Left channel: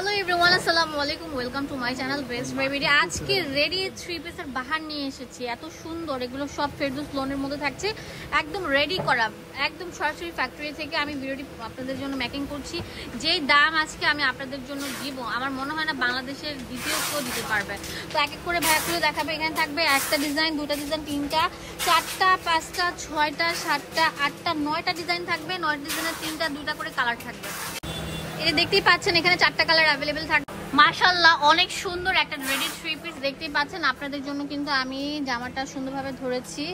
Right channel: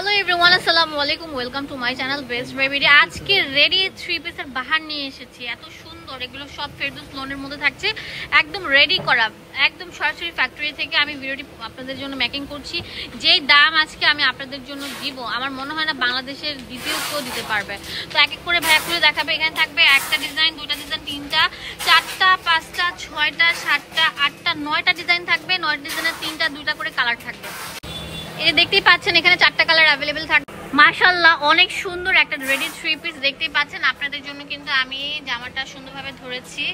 Hello everyone, আসসালামু আলাইকুম, welcome to my channel best baby. আজকে রেডি 3 পিসের বাহার নিয়ে এসেছি, এত সুন্দর। এগুলো সব ফেরদৌস লোনের মধ্যে থাকছে, একদম রেডি করা, একদম সরাসরি ফ্যাক্টরি থেকে আমি ভিডিওটি আপনাদের জন্য মেকিং করছি। যেই দাম আজকে আমি আপনাদের জন্য দিব, আমার মনে হয় না বাংলাদেশের দ্বিতীয় কেউ দিতে পারবে। তো এক এক করে ভাইয়া খুলে দেখাবে। এখানে থাকবে একটা ডিজাইন, দুইটা ডিজাইন, তিনটা, চারটা, পাঁচটা, ছয়টা, সাতটা, আটটা, 9টা ডিজাইন থাকবে। 9টা ডিজাইনের তিনটা দুইটা করে কালার থাকবে। এটা দেখতেই পাচ্ছেন, এখানে 4টা কালার অ্যাভেলেবেল থাকবে। মাশাআল্লাহ, অনেক সুন্দর একটা রেডি 3 পিস দেখতেই পাচ্ছেন। আপনাদের জন্য কিন্তু আমি জামাটা সুন্দরভাবে ধরেছি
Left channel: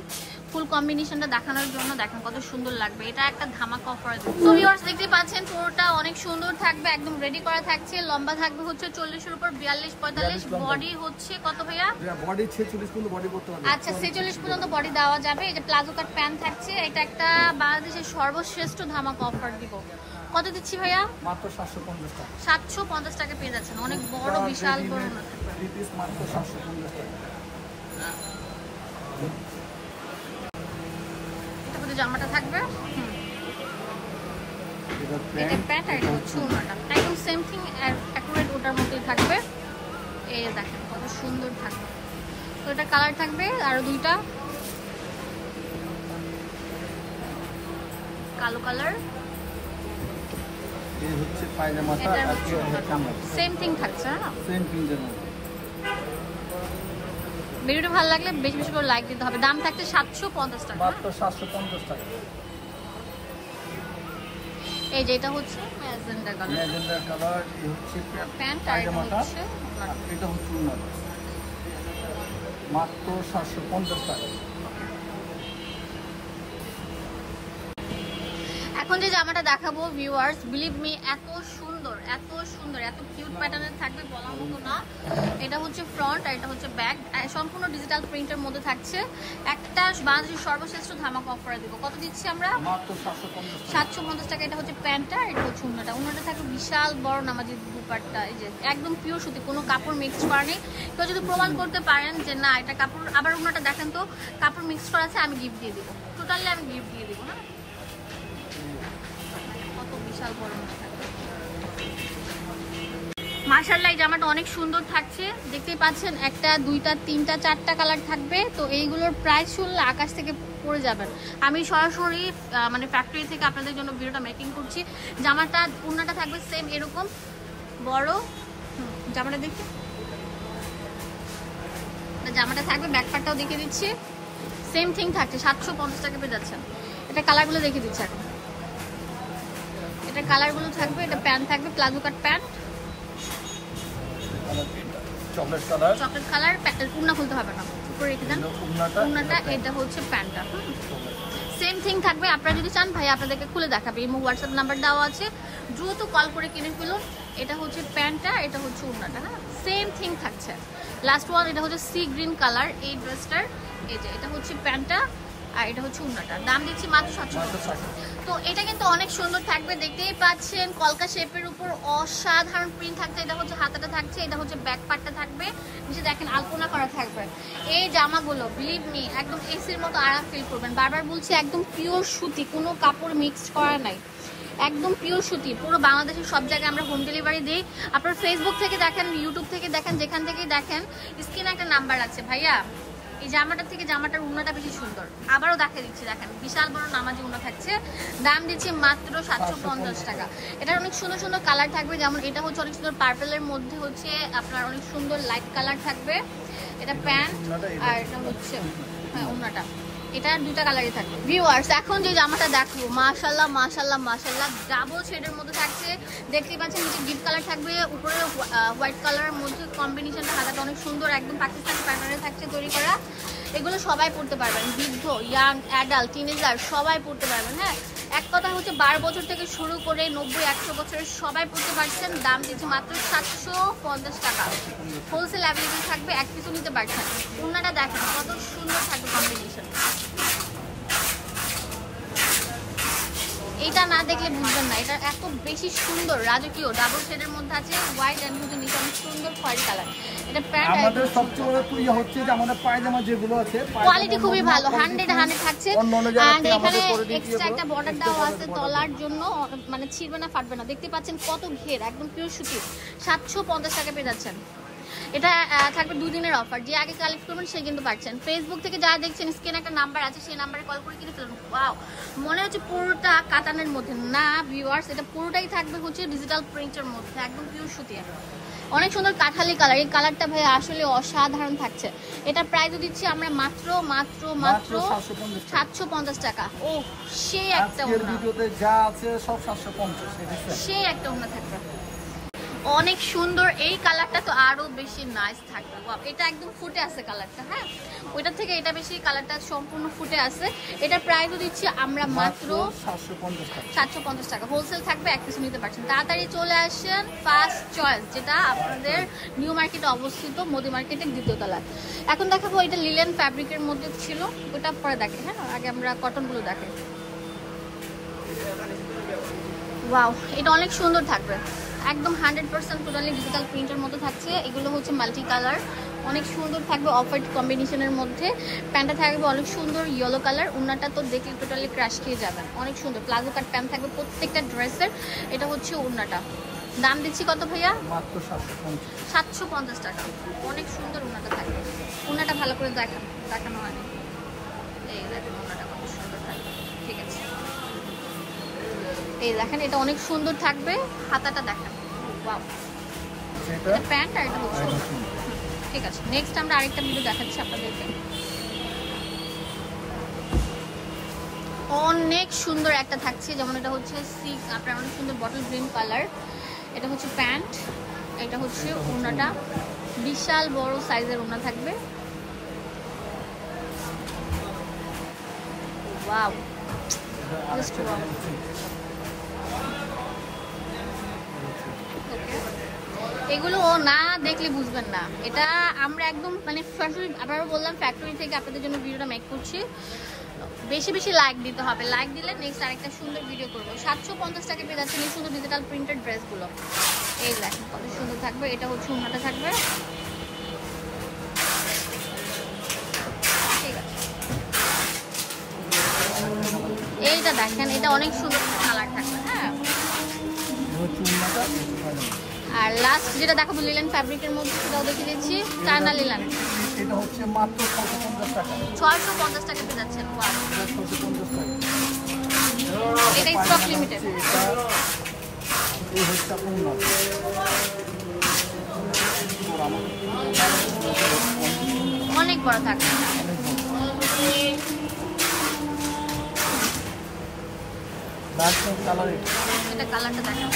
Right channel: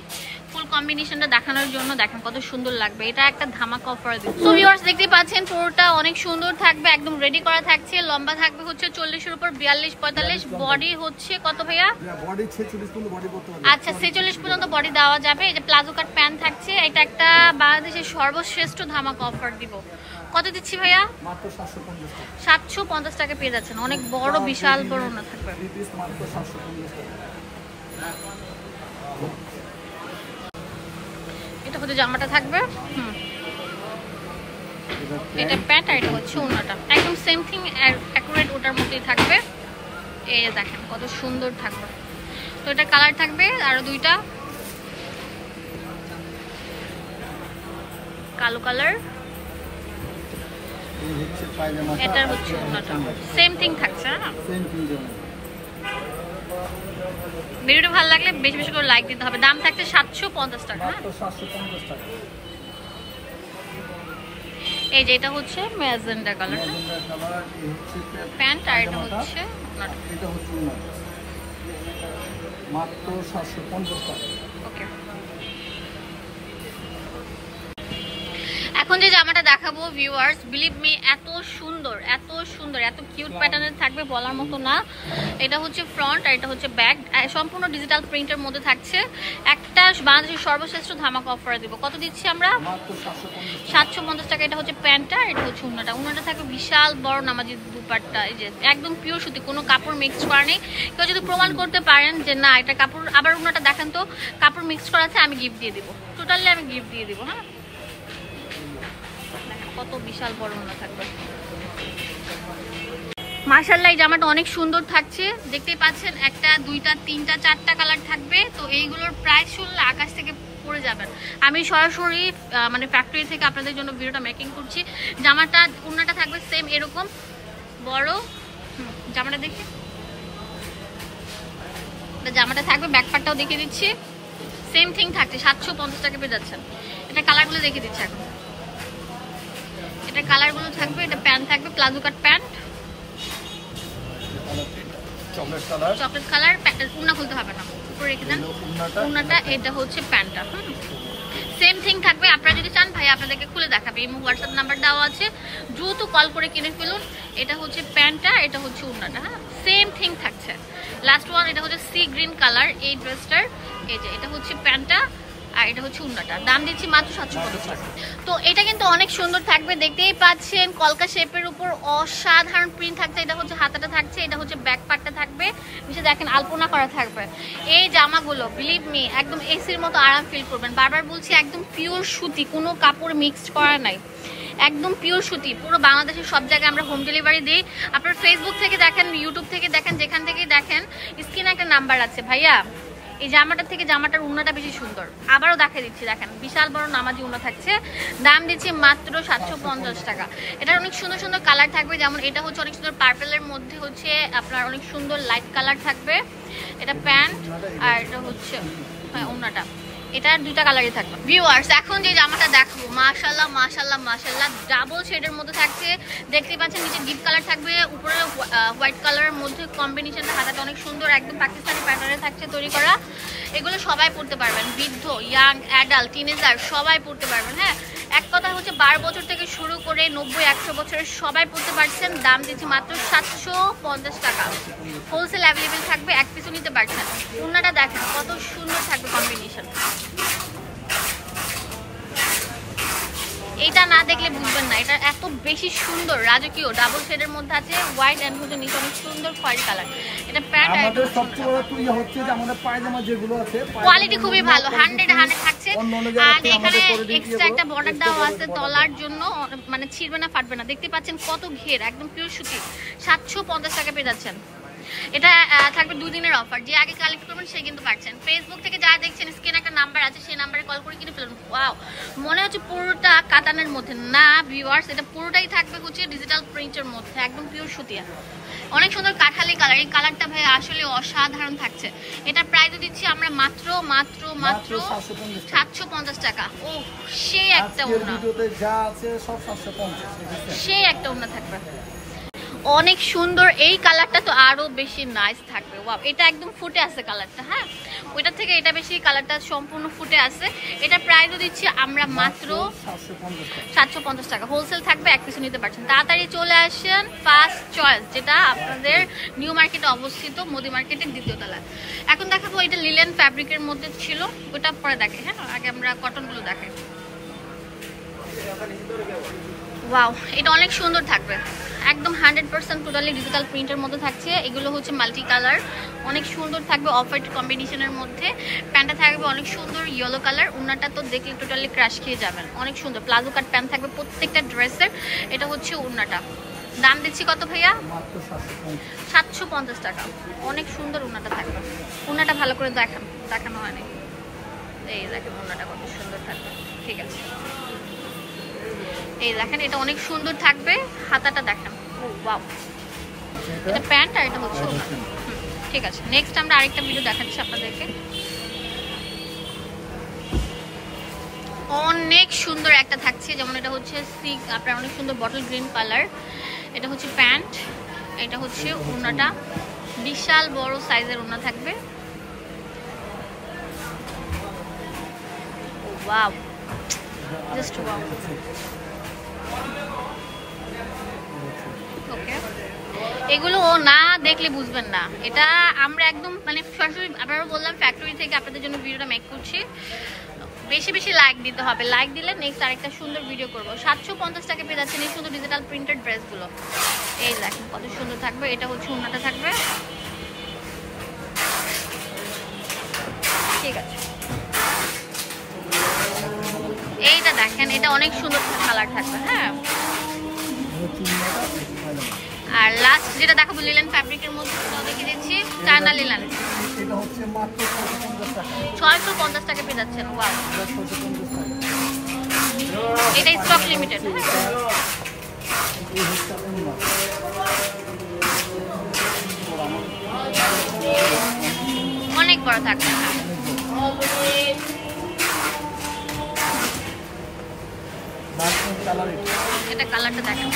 ফুল কম্বিনেশনটা দেখানোর জন্য। দেখেন কত সুন্দর লাগবে, এটা একটা ধামাকা অফার দিব। তো ভিউয়ার্স দেখতেই পাচ্ছেন, পুরোটা অনেক সুন্দর থাকবে, একদম রেডি করা থাকছে। লম্বা থাকবে হচ্ছে 40 এর উপর 42, 45। বডি হচ্ছে কত ভাইয়া? বডি 46 পর্যন্ত বডি করতে পারবে। আচ্ছা, 46 পর্যন্ত বডি দেওয়া যাবে। এই যে প্লাজো কাট প্যান্ট থাকছে, এটা একটা বাংলাদেশের সর্বশ্রেষ্ঠ ধামাকা অফার দিব। কত দিচ্ছি ভাইয়া? মাত্র 750 টাকা। 750 টাকা পেয়ে যাচ্ছেন। অনেক বড়, বিশাল বড় না থাকবে। 3 পিস মাত্র 750 টাকা। এটা হচ্ছে জামাটা থাকবে, এটা প্যান্ট, আর এটা হচ্ছে ওড়নাটা। একদম সেম থিং, অ্যাকুরেট ওটার মতোই থাকবে। এই যে দেখেন কত সুন্দর থাকবে। তো এটা কালার থাকবে আরো দুইটা, কালো কালার। এই হচ্ছে পায়জামাটা, এটা হচ্ছে ওড়নাটা, সেম থিং থাকছে না? সেম থিং যেমন। ভিডিওটা ভালো লাগলে বেশি বেশি করে লাইক দিতে হবে। দাম থাকছে 750 টাকা, মাত্র 750 টাকা। এই যে এটা হচ্ছে ম্যাজেন্ডা কালার, ম্যাজেন্ডা কালার। এই হচ্ছে প্যান্ট, আর এটা হচ্ছে ওড়নাটা। এটা হচ্ছে ওড়নাটা, মাত্র 750 টাকা। ওকে, এখন যে জামাটা দেখাবো ভিউয়ার্স, বিলিভ মি, এত সুন্দর, এত সুন্দর, এত কিউট প্যাটার্নের থাকবে, বলার মতো না। এটা হচ্ছে ফ্রন্ট, আর এটা হচ্ছে ব্যাক, সম্পূর্ণ ডিজিটাল প্রিন্টের মধ্যে থাকছে। একটা বাংলাদেশের সর্বশ্রেষ্ঠ ধামাকা অফার দিব। কত দিচ্ছি আমরা? মাত্র 750 টাকা। 750 টাকা। এটা হচ্ছে প্যান্টটা, এটা হচ্ছে ওড়নাটা। ওড়নাটা থাকবে বিশাল বড় নামাজি দুপাট্টা, এই যে একদম পিওর সুতি, কোনো কাপড় মিক্স করা নেই। কেউ যদি প্রমাণ করতে পারেন যে না এটা কাপড়, আবার ওড়নাটা দেখেন তো কাপড় মিক্স করা আছে, আমি গিফট দিয়ে দিব, টোটালি আমি গিফট দিয়ে দিব। হ্যাঁ, কত বিশাল বড় ওড়না থাকবে। মাশাআল্লাহ, এই জামাটা অনেক সুন্দর থাকছে, দেখতেই পাচ্ছেন। একটা, দুইটা, তিনটা, 4টা কালার থাকবে। তো এইগুলোর প্রাইস শুনলে আকাশ থেকে পড়ে যাবেন। আমি সরাসরি মানে ফ্যাক্টরি থেকে আপনাদের জন্য ভিডিওটা মেকিং করছি। জামাটা ওড়নাটা থাকবে সেম এরকম বড়। জামাটা দেখি, জামাটা থাকবে, ব্যাক পার্টটাও দেখিয়ে দিচ্ছি, সেম থিং থাকছে। 750 টাকা পেয়ে যাচ্ছেন। এটা কালারগুলো দেখিয়ে দিচ্ছি এখন। এটা কালারগুলো থাকবে, এটা প্যান্ট থাকবে, প্লাজো কাট pant, chocolate colour, chocolate colour. ওড়না খুলতে হবে না, উপরে রেখে দেন ওড়নাটা। এটা হচ্ছে প্যান্টটা, সেম থিং থাকবে। আপনারা যদি চান ভাই আপনাদেরকে খুলে দেখাবে, এই হোয়াটসঅ্যাপ নাম্বার দেওয়া আছে, দ্রুত কল করে কিনে ফেলুন। এটা হচ্ছে প্যান্টটা, এটা হচ্ছে ওড়নাটা। হ্যাঁ, সেম থিং থাকছে। লাস্ট ওয়ান, এটা হচ্ছে সি গ্রিন কালার এই ড্রেসটার। এই যে এটা হচ্ছে প্যান্টটা, আর এটা হচ্ছে ওড়নাটা। দাম দিচ্ছি মাত্র 750 টাকা। তো এটা কিন্তু অনেক সুন্দর থাকবে, দেখতেই পাচ্ছেন। কলকা শেপের উপর অসাধারণ প্রিন্ট থাকছে। এটা হচ্ছে হাতাটা থাকছে, এটা হচ্ছে ব্যাক পার্টটা থাকবে, নিচে দেখেন আলপনা করা থাকবে। এই জামাগুলো বিলিভ মি একদম এসির মতো আরাম ফিল করবেন। বারবার বলছি, একদম পিওর সুতি, কোনো কাপড় মিক্সড করা নাই, একদম পিওর সুতি। পুরো বাংলাদেশের সব জায়গায় আমরা হোম ডেলিভারি দিই। আপনার ফেসবুক থেকে দেখেন, ইউটিউব থেকে দেখেন, যেখান থেকে দেখেন, স্ক্রিনে একটা নাম্বার আছে। ভাইয়া এই জামাটার থেকে জামাটার ওড়নাটা বেশি সুন্দর। আবারও দেখাই দিচ্ছি, দেখেন বিশাল বড় নামাজি ওড়না থাকছে। দাম দিচ্ছি মাত্র 750 টাকা। এটার অনেক সুন্দর সুন্দর কালার থাকবে, যেমন এটা হচ্ছে অনেক সুন্দর পার্পেলের মধ্যে হচ্ছে আপনার অনেক সুন্দর লাইট কালার থাকবে। এটা প্যান্ট, আর এটা হচ্ছে হ্যাঁ ওড়নাটা। এটার দুইটা কালারই থাকবে। ভিউয়ার্স এখন যে জামাটা দেখো, মাশাআল্লাহ মাশাআল্লাহ মাশাআল্লাহ, ডাবল শেডের মধ্যে থাকছে। দেখতেই পাচ্ছেন নিচে ডিপ কালার থাকবে, উপরে হোয়াইট কালারের মধ্যে কম্বিনেশনটা। হাতাটা অনেক সুন্দর, একদম পাকিস্তানি প্যাটার্নে থাকছে তৈরি করা। এগুলো সবাই পড়তে পারবেন, বৃদ্ধ, ইয়াং, অ্যাডাল্ট, টিনেজার সবাই পড়তে পারবেন। হ্যাঁ, এক কথা হচ্ছে 12 বছর থেকে শুরু করে 90-100 বছরের সবাই পড়তে পারছেন। দাম দিচ্ছি মাত্র 750 টাকা। হোলসেল অ্যাভেলেবেল থাকবে, এক পিসও নিতে পারছেন। ওড়নাটা দেখেন কত সুন্দর থাকবে কম্বিনেশন। এটা না দেখলে বুঝবেন না, এটা এত বেশি সুন্দর রাজকীয় ডাবল শেডের মধ্যে আছে, হোয়াইট এন্ড হচ্ছে নিচে অনেক সুন্দর খয়েরি কালার। এটা প্যান্ট আমাদের সবচেয়ে বড় তুই হচ্ছে যে আমাদের পায়জামা যেগুলো আছে কোয়ালিটি খুবই ভালো, 100 থাকছে। আর এখানে এক্সট্রা একটা বর্ডার দেওয়া আছে তলার জন্য, মানে ছিঁড়বে না ফাটবে না। দেখতে পাচ্ছেন কত ঘের, একদম পিওর সুতি। 750 টাকা পেয়ে যাচ্ছেন। এটা থাকবে 2 দিনের অফার, যে আগে কালেক্ট করবেন সে কিন্তু পাচ্ছেন। ফেসবুক থেকে যারা দেখছেন স্ক্রিনে একটা নাম্বার আছে, সেই নাম্বারে কল করে কিনে ফেলুন। ওয়াও, মনে হচ্ছে পুরোটা কাতানের মধ্যে না ভিউয়ার্স, এটা পুরোটাই থাকবে হচ্ছে ডিজিটাল প্রিন্টের মধ্যে, একদম পিওর সুতিয়া। অনেক সুন্দর কাঠালি কালার, এই কালারটা ভাই আসলে অসাধারণ থাকছে। এটা প্রাইসও দিচ্ছি আমরা মাত্র 750 টাকা। ও সেই একটা ওড়না, যা আছে সব 750, সেই একটা ওড়না থাকবে অনেক সুন্দর। এই কালারটা তো আরো বেশি নাইস থাকবে। ওয়াও, এটা একদম ফুটে আছে কালারটা। হ্যাঁ, ওইটার থেকে এটা বেশি কালারটা সম্পূর্ণ ফুটে আছে। এটা প্রাইসও দিচ্ছি আমরা মাত্র 750 টাকা। হোলসেল থাকবে, এক পিছু নিতে পারছেন। তাড়াতাড়ি চলে আসেন ফার্স্ট চয়েস, যেটা আপনাদের নিউ মার্কেটে অবস্থিত, মোদি মার্কেটের 2য় তলা। এখন দেখাবো এটা লিলেন ফ্যাব্রিকের মধ্যে ছিল, ওটা পরে দেখে। হ্যাঁ, আগে আমরা কটনগুলো দেখাই। ওয়াও, এটা অনেক সুন্দর থাকবে, একদম 100% টোটালি ডিজিটাল প্রিন্টের মধ্যে থাকছে। এগুলো হচ্ছে মাল্টি কালার, অনেক সুন্দর থাকবে, অফ হোয়াইট কম্বিনেশনের মধ্যে। প্যান্টটা থাকবে অনেক সুন্দর ইয়েলো কালার, ওড়নাটা তো দেখলে টোটালি ক্রাশ খেয়ে যাবেন। অনেক সুন্দর প্লাজো কাট প্যান্ট থাকবে প্রত্যেকটা ড্রেসের। এটা হচ্ছে ওড়নাটা, দাম দিচ্ছি কত ভাইয়া? মাত্র 750 টাকা। অনেক সুন্দর ওড়নাটা থাকবে। ওড়নাটা ভালো করে দেখানো হয়নি, এই দেখেন ওড়নাটা কত সুন্দর থাকবে। ঠিক আছে, এই দেখেন এটা অনেক সুন্দর থাকবে, হাতাটা দেখেন। ওয়াও, এটা প্যান্ট আর এটা হচ্ছে। ঠিক আছে, নেক্সট আমরা আরেকটা ভিডিও দেখাচ্ছি আপনাদেরকে। অনেক সুন্দর একটা থাকছে, যেমন এটা হচ্ছে আপনার অনেক সুন্দর বটল গ্রিন কালার। এটা হচ্ছে প্যান্ট, এটা হচ্ছে ওড়নাটা, বিশাল বড় সাইজের ওড়না থাকবে। Wow, just wow. এগুলো না দেখলে বুঝবেন না, এটা আমরা একদম মানে সরাসরি আবারও বললাম ফ্যাক্টরি থেকে আপনাদের জন্য ভিডিওটা মেক করছি। বেশি বেশি লাইক দিতে হবে, লাইক দিলে নেক্সট আরেকটা সুন্দর ভিডিও করবো। 750 টাকা পেয়ে যাচ্ছেন এই সুন্দর ডিজিটাল প্রিন্টেড ড্রেসগুলো। এই দেখেন কত সুন্দর থাকবে। এটা হচ্ছে ওড়নাটা থাকবে। ঠিক আছে, এইটা দেখেন, এটা অনেক সুন্দর কালার থাকবে। হ্যাঁ, আর লাস্ট যেটা দেখাবো লিলেন ফ্যাব্রিকের মধ্যে, সেটাও দেখিয়ে দিচ্ছি। চায়না লিলেন, এটা হচ্ছে মাত্র 650 টাকা। 650 টাকা পেয়ে যাচ্ছেন। ওয়াও, এটা স্টক লিমিটেড। অনেক বড় থাকবে। এটা কালারটা দেখেন,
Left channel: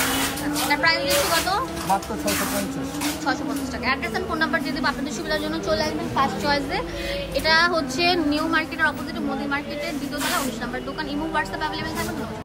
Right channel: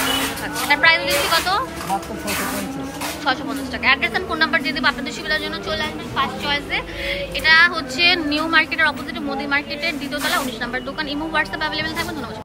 এটা প্রাইস দিচ্ছি কত? মাত্র 650 টাকা। অ্যাড্রেস এন্ড ফোন নাম্বার দিয়ে দেবো আপনাদের সুবিধার জন্য। চলে আসবেন ফার্স্ট চয়েসে। এটা হচ্ছে নিউ মার্কেটের অপোজিটে মোদি মার্কেটের 2য় তলা 19 নম্বর দোকান। ইমো হোয়াটসঅ্যাপ অ্যাভেলেবেল থাকবে। ধন্যবাদ।